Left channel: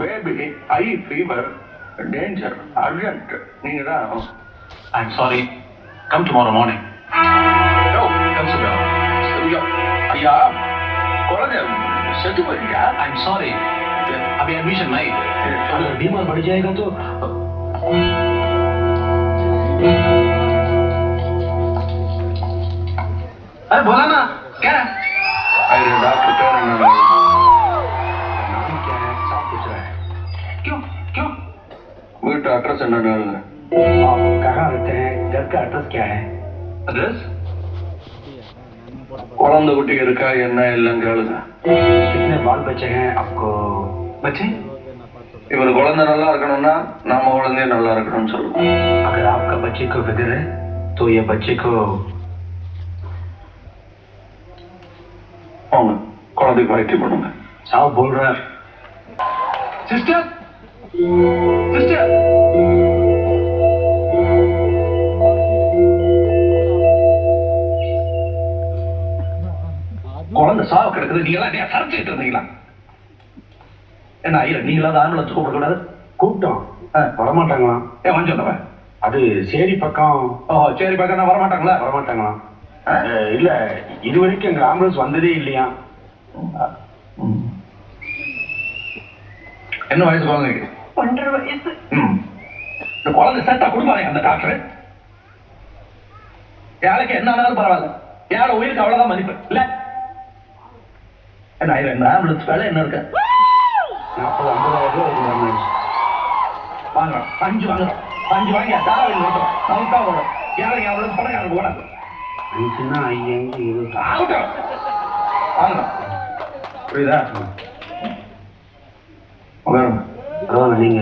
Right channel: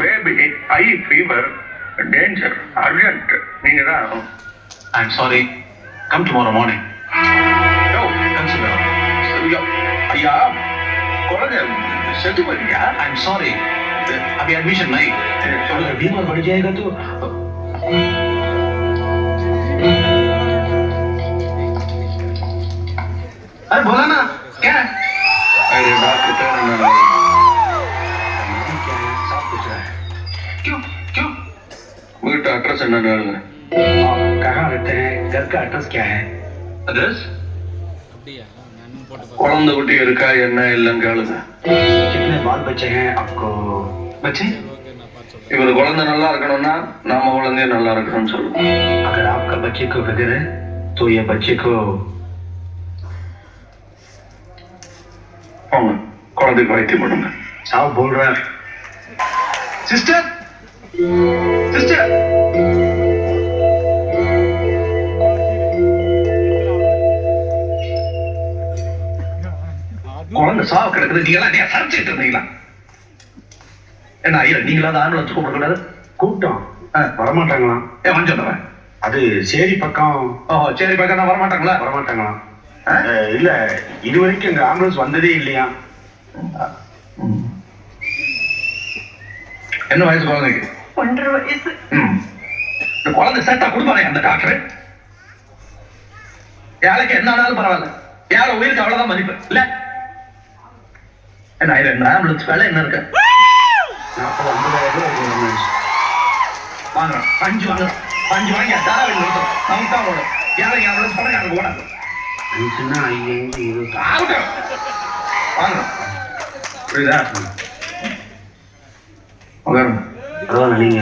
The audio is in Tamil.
Baby high fever danger urgent நீங்க தான். I'm sorry. Come tomorrow morning. யோ கன்சிடர் ஐயா ஐயா குழந்தை செத்து போயிருக்கா? I'm sorry. अभी एडमिशन नहीं. अगर बीमार बढ़ जाएगा तो अरे बोला ना क्या है? अरे डॉक्टर பேர் என்ன? नाम क्या है? सब पूछ रहा है. क्यों क्यों? வீட்டு அட்ரஸ் என்ன? आप कहाँ रहते हैं? घर का एड्रेस क्या है? Address? குழந்தை குட்டி இருக்கா என்ன இல்லைன்னு கேளுங்க. कितने बाल बच्चे हैं आपको? बच्चे? இவர் குழந்தை நல்லா இருக்கணும்னா நம்ம குழந்தைய நல்லா இருக்கணும்னு சொல்லுவோம். अगर आपका बच्चे को फिक्र है तो ये बच्चे को அவங்க குழந்தைக்கு வைத்தியம் பண்ணுங்க. साहब बोल रहा है. Sister? Sister? குழந்தை சாவு கிடக்குது. நீங்க எல்லாம் சரிச்சுட்டு இருந்தீங்களா? என்ன ஐயா நீங்களா அந்த ஆம்புலன்ஸ் கூப்பிடக்கூடாது? கூப்பிட்டோம் வரமாட்டாங்களாம். வந்து சொல்லுவேன். அது சேரி பக்கம் ஓ சரி பக்கம் நான் வரமாட்டாங்களா? வரமாட்டாங்களாம். இல்ல இது வரைக்கும் எங்க ஆம்புலன்ஸ் வந்ததே இல்லையா. என்ன வயசு குழந்தைக்கு? 1.5 வயசு. இந்த குழந்தை சேர்த்தா கொடுப்பானே அந்த டாக்டர். ஏழைக்கு என்ன ஆனாலும் பரவாயில்ல, ஏழை உயிருக்கு அவ்வளவுதான் மதிப்பு இல்ல. என்ன இந்த ஆம்புலன்ஸ் வேலை என்ன இருக்கு? 40-50,000 ரூபாய் ஒரு ஆம்புலன்ஸ் வாங்குறோம். 5 வாங்குறோம். 5 வாங்கி தாராவில் நிறுத்துறோம். நமக்கு தான் ஓடும். ஏழை ஆம்புலன்ஸ் பணக்காரங்க ஓடாது. 5ன்னா 5 20 ஆகட்டும் வாங்குறோம். புரியுதா? பரவாயில்ல நீங்க